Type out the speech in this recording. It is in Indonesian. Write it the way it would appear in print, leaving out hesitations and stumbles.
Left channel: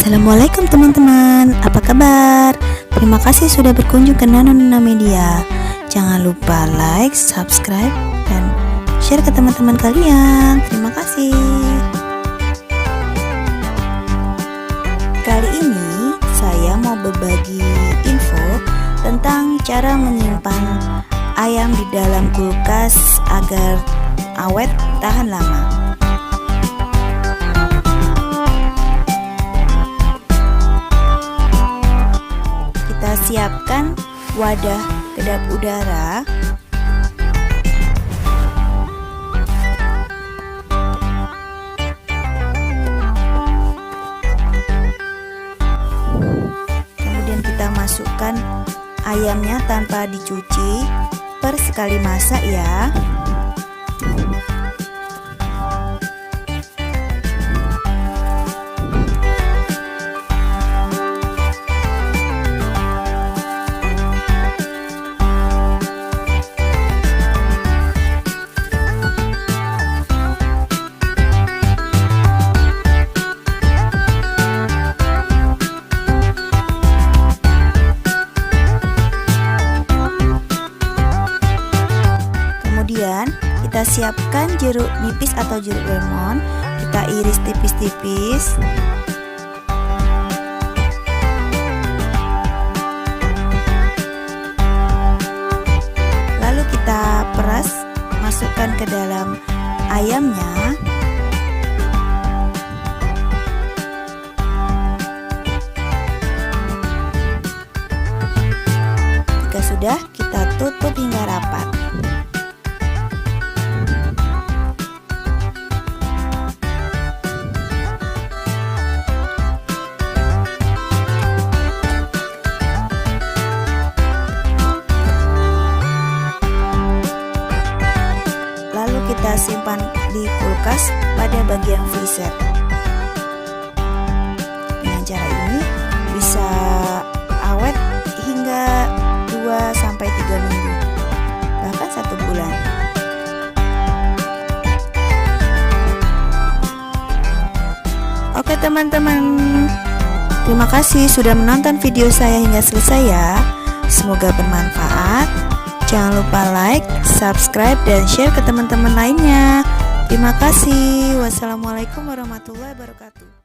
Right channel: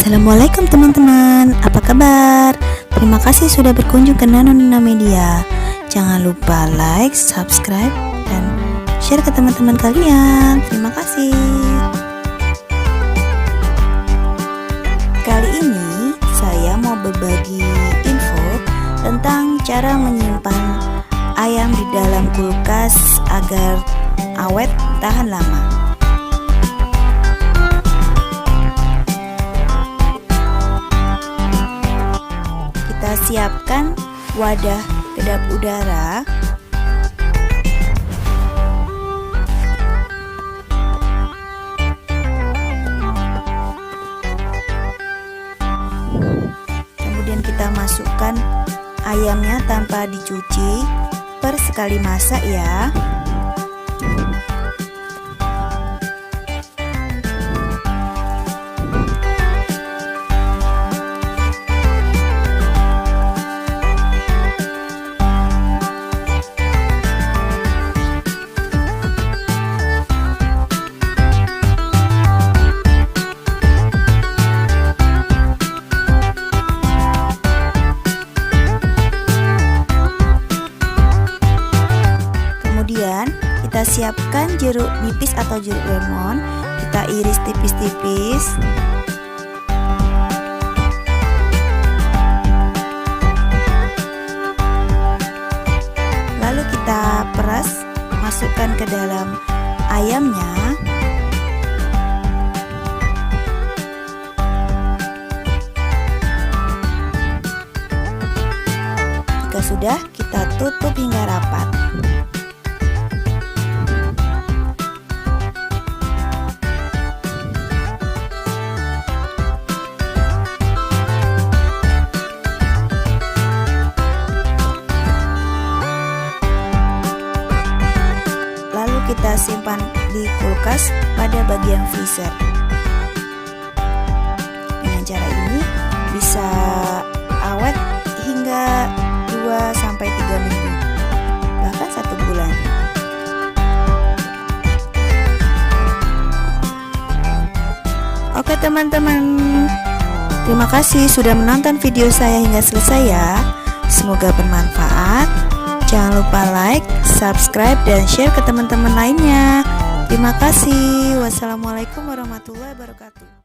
Assalamualaikum teman-teman, apa kabar? Terima kasih sudah berkunjung ke Nano Nina Media. Jangan lupa like, subscribe, dan share ke teman-teman kalian. Terima kasih. Kali ini saya mau berbagi info tentang cara menyimpan ayam di dalam kulkas agar awet tahan lama. Kita siapkan wadah kedap udara. Kemudian kita masukkan ayamnya tanpa dicuci per sekali masak ya. Kemudian kita siapkan jeruk nipis atau jeruk lemon, kita iris tipis-tipis. Lalu kita peras, masukkan ke dalam ayamnya. Jika sudah, kita tutup hingga rapat. Lalu kita simpan di kulkas pada bagian freezer. Dengan cara ini bisa awet hingga 2-3 minggu, bahkan 1 bulan. Oke teman-teman, terima kasih sudah menonton video saya hingga selesai ya. Semoga bermanfaat. Jangan lupa like, subscribe, dan share ke teman-teman lainnya. Terima kasih. Wassalamualaikum warahmatullahi wabarakatuh.